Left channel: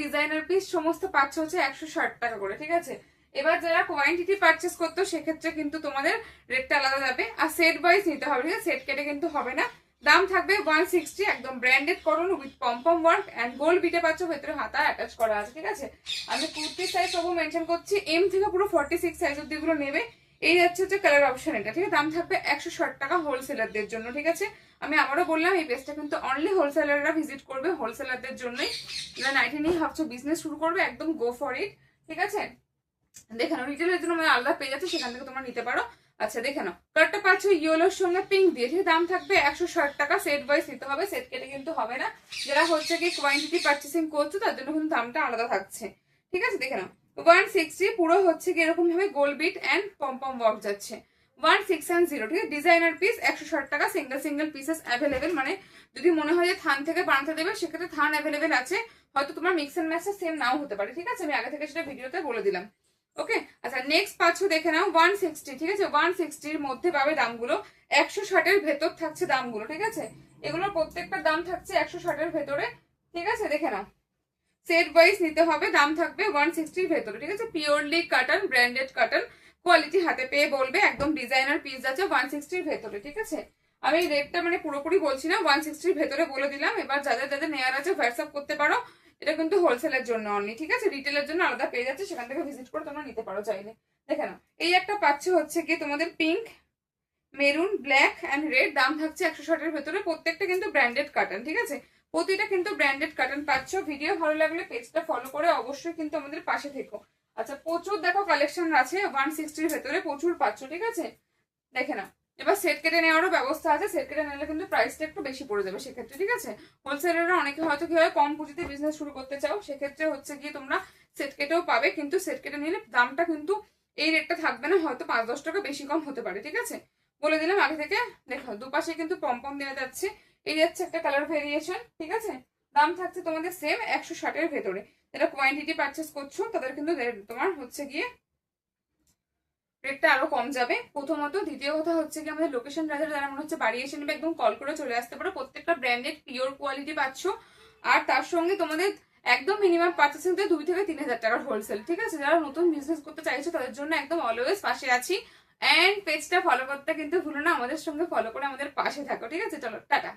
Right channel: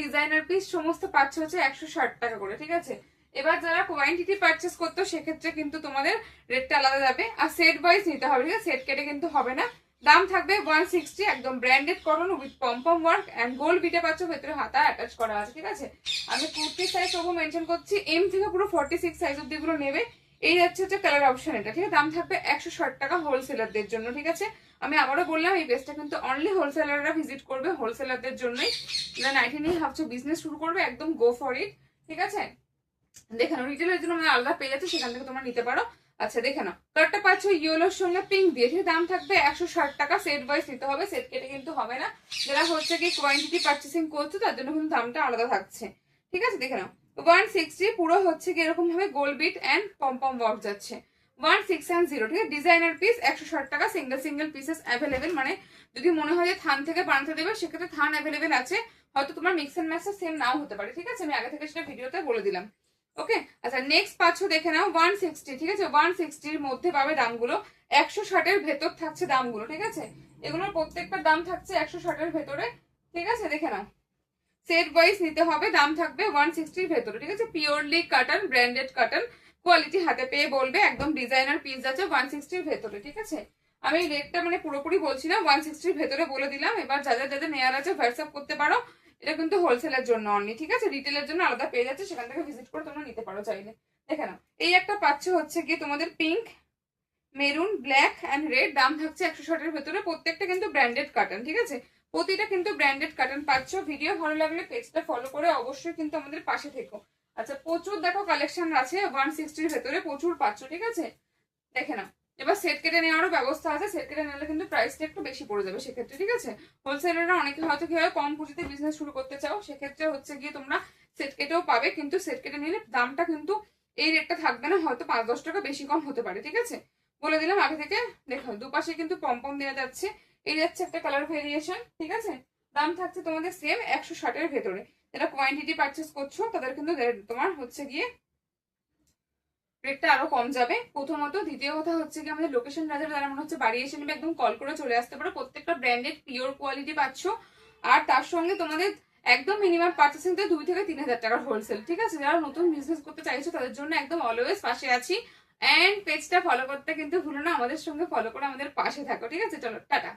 Designer piece সমস্ত পাচ্ছ হচ্ছে 160 টাকা করে, ঠিক আছে। এবার যারা কোয়ান্টিটি পারচেস করতো সেক্ষেত্রে কিন্তু তোমাদের রেটটা আলাদা যাবে, আর সেট ওয়াইজ নিতে হবে, ঠিক আছে, সেট কেটে কিন্তু হবে না। দাম থাকবে 160, একদম branded cotton with pompom work and gold বিটে পাচ্ছ, ভেতরে হাতা অ্যাটাচ করা আছে, ঠিক আছে। আমি কুর্তি সাইজ সব মেনশন করছি, এম থেকে পুরো 46 সাইজ অব্দি গুলো নেবে। এই হচ্ছে কালার অপশন এটা, ঠিক আছে। দাম থাকবে 160 টাকা হোলসেলারদের জন্য, ঠিক আছে। আমি আবারও বললাম এই পেজটা কিন্তু অনলি হোলসেলাররা ভিজিট করবে, হোলসেলারদের জন্যই। যারা নাইটি নিয়ে ভাবছো বিজনেস শুরু করবে, একদম গো ফর ইট, ঠিক আছে। দেখে নাও, রিটেলের জন্য আমার আলাদা পেজ আছে, সেখান থেকে তোমরা নিতে পারো। আচ্ছা দেখে নাও, কালারটা পাচ্ছ ইয়েলোর সঙ্গে পিঙ্ক দিয়ে, ঠিক। দাম থাকবে 160 টাকা, সেট ওয়াইজ নিতে হবে, সেট কেটে কিন্তু হবে না। যারা হচ্ছে কি কোয়ান্টিটি পারচেসিং করছো তার জন্য কিন্তু দামটা আলাদা থাকছে, ঠিক আছে। দেখে নাও 160 পুরো হচ্ছে কি এরকম ভাবে গোল্ড বিট এন্ড পম্পম ওয়ার্ক যাচ্ছে। 1610, ঠিক আছে। ডিজাইনার পিস 160 টাকা, সিঙ্গেল সিঙ্গেল পিসেস অ্যাভেলেবেল, মানে যদি মনে হয় যে থান থেকে বানাতে দেবে সেক্ষেত্রে থান অ্যাভেলেবেল আছে, হয়তো তোমার মিক্স এন্ড ম্যাচটা সেম নাও হতে পারে, ঠিক আছে। আমি আগে থেকে সেটা ভিডিওতে বলে দিলাম, ওকে। আচ্ছা নেক্সট পাচ্ছ দেখে নাও 160, ঠিক আছে। 160 মধ্যে পাবে দামগুলো, 160 এর ভেতর থাকছে দামগুলো, ঠিক আছে। এগুলোর প্রত্যেকটার দাম থাকছে 160 এর ভেতরে, ঠিক আছে। দেখে নাও সেট ওয়াইজ নিতে হবে, দাম থাকবে 160 ভেতরে, ঠিক আছে। Purely cotton, branded cotton, quality হাতে পেয়ে বলবে, একদম ডিজাইনার পিস আছে 160 ভেতরে, ঠিক আছে। আমি রেটটা মানে পুরোপুরি বলছি না, 160 ভেতরে বলে দিলাম। এবার যাদের যাদের নেয়ার আছে হোয়াটসঅ্যাপ করতে পারো, এটা কিন্তু হোলসেলের জন্য অনলি, ঠিক আছে। রিটেলের জন্য আলাদা পেজ আছে, সেখান থেকে ভিজিট করে তোমরা নিতে পারো চাইলে। দেখে নাও এই একটা পাচ্ছে হচ্ছে কি তোমাদের pink, maroon, black and red, দাম থাকছে 160 এর ভেতরে, প্রত্যেকটা কিন্তু ব্র্যান্ডেড কটন, ঠিক আছে। প্রতিটা কিন্তু ব্র্যান্ডেড কটন পাচ্ছ। ভিডিও ভালো লাগলে পেজটা ফলো করে অবশ্যই কিন্তু আমাদের পাশে থেকো। আচ্ছা প্রচুর দেখো কালেকশন আছে 160 এর ভেতরে, প্রচুর পাচ্ছ, ঠিক আছে। দেখে নাও এবার সেট কেটে নেওয়ারও ব্যবস্থা আছে, সেট কেটে নিলে কিন্তু প্রাইসটা একটু বেশি পড়ে যাবে সেক্ষেত্রে, ঠিক আছে। হোলসেলাররা অনেকে হয়তো কি হয় কম পুঁজিতে বিজনেস শুরু করতে চাও, সেক্ষেত্রে হচ্ছে গিয়ে তোমরা সেট কেটেও পাবে, কিন্তু সেট কেটে নিলে দামটা কিন্তু এই রেটটা থাকবে না, হয়তো 5-10 টাকা বেশি কম হতে পারে, ঠিক আছে। বলে দিলাম আগে থেকে। দেখো দুপাশে কিন্তু পম্পম দেওয়া যাচ্ছে, এই যাচ্ছে একটা কালার ভেরিয়েশন, ঠিক আছে। দাম থাকছে তোমাদের সেম 160 এর ভেতরে। যারা কোয়ান্টিটি পারচেস করছো তাদের কিন্তু তোমার হচ্ছে গিয়ে রেটটা আরো কম যাবে প্রথমত। দ্বিতীয় কথা হচ্ছে কি আমাদের লোকেশন যারা মনে হচ্ছে বাড়ি এসে নেবে, একদম কল করে চলে আসতে পারো, প্রত্যেকটা ব্র্যান্ডেড পিওর কোয়ালিটি পাচ্ছ। আর তার সঙ্গে তোমাদের একদম মিনিমাম পারচেসিং তে 2 থেকে 3,000 টাকার হোলসেল, ঠিক আছে। যারা নতুন বিজনেস করতে চাইছো তাদের জন্য একদম অলওয়েজ পাশে আছি। এন্ড পেজটা ফলো করতে কিন্তু ভুলো না, আমাদের সঙ্গে ফলো করে আমাদের পাশে থাকো, ঠিক আছে। চলো টাটা।